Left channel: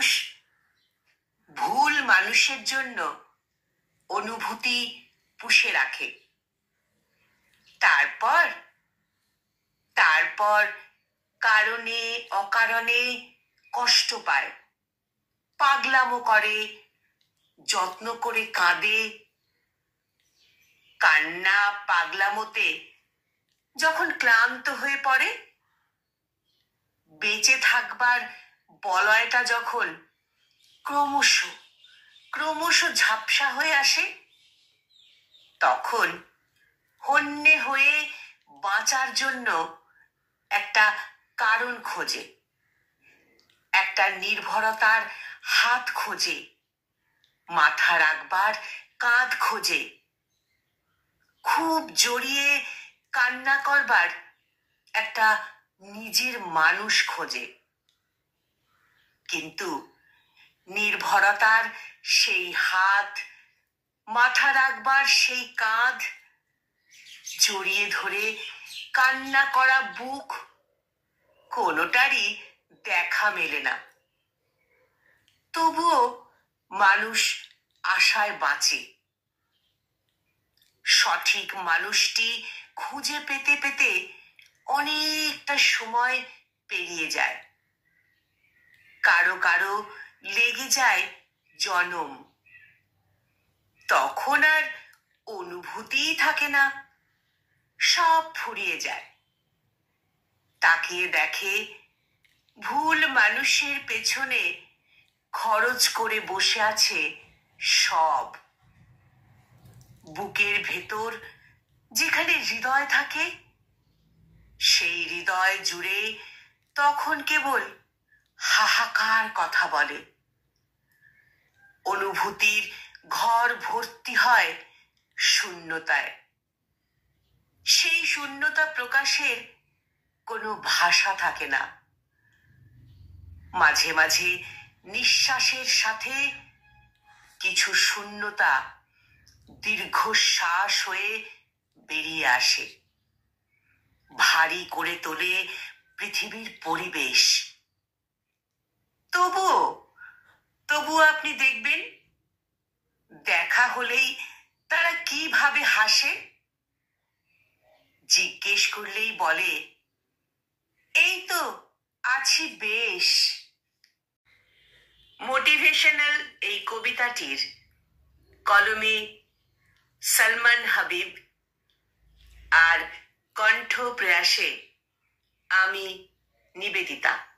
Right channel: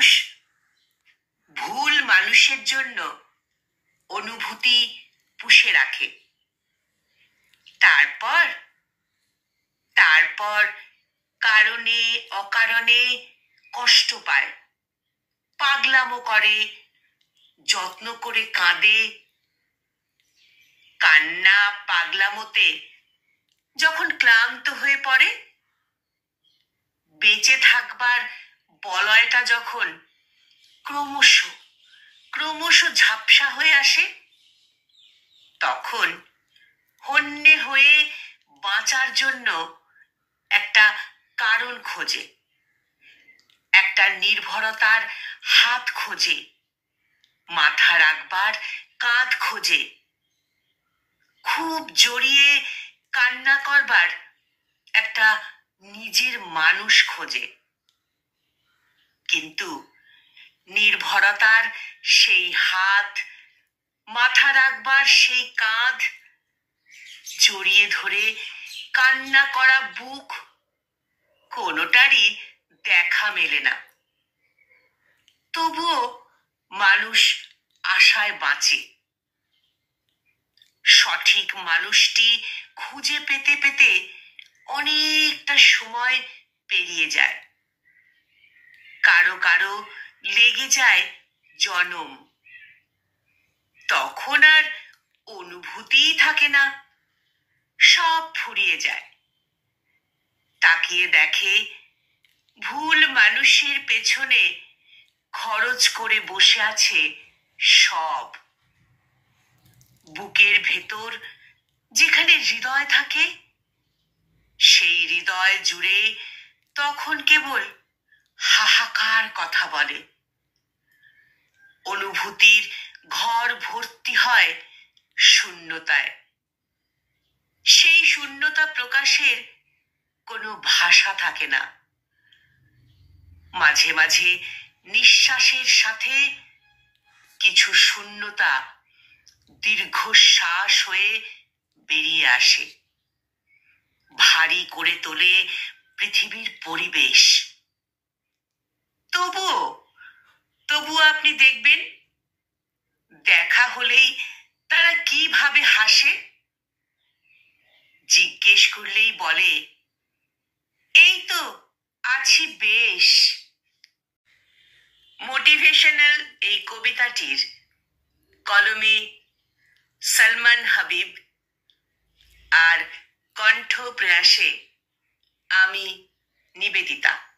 মানুষ ভুল মানুষের জন্য অনুভূতি পুষে রাখে, তারপর তারপর কারণে অকারণে কষ্ট পায়, পাগলামো করে, যত্ন করে কাঁদে। কান্না পাগলামোতে যখন ক্লান্ত হয়ে পড়ে, বেঁচে থাকবার বলয়টা যখন ক্রমশ ক্রমশ ঝাপসা হয়ে আসে, তখন হন্যে হয়ে বাঁচার জন্য একটা কারণ খোঁজে, একটা নির্ভরতার হাত খোঁজে, মাথা রাখবার কাঁধ খোঁজে, খুব জড়িয়ে কান্না করবার একটা নিজের মানুষ খোঁজে। কিন্তু নির্ভরতার সেই হাত, মাথা রাখবার সেই কাঁধ, জড়িয়ে ধরে কান্না করা বুক, কোনোটারই দেখা মেলে না। তবুও মানুষ আশায় বাঁচে। সঠিক মানুষটি খুঁজে পেতে পেতে অনেকটা সময় পেরিয়ে যায়। কারো কারো লেগে যায় জনম। তখন আর অনুভূতিই থাকে না, সব ফুরিয়ে যায়। তাকিয়ে দেখে ভুল মানুষের পেছনে খরচ করে বসে আছে সব। বুকের ভেতর যেখানে হৃদয় থাকে, সেই হৃদয় জুড়ে তখন কেবল হাহাকার কথা বলে। অনুভূতির ঘর ভর্তি হয় শূন্যতায়। সেই শূন্যতা প্রকাশের কোনো ভাষা থাকে না। মাঝে মাঝে নিঃশ্বাসের সাথে কিছু শূন্যতা দীর্ঘশ্বাস হয়ে বেরিয়ে আসে, ভারী করে তোলে পৃথিবীর পরিবেশ। তবুও আপনি দেখবেন, দেখা হলেই তারা কিভাবে হাসে। জিজ্ঞেস করলেই বলে, এই তো আছি বেশ। মোটিভেশনাল এই কবিতাটির কলমে সলমান হাবিব আর কণ্ঠ প্রয়াসে আমি নিবেদিতা।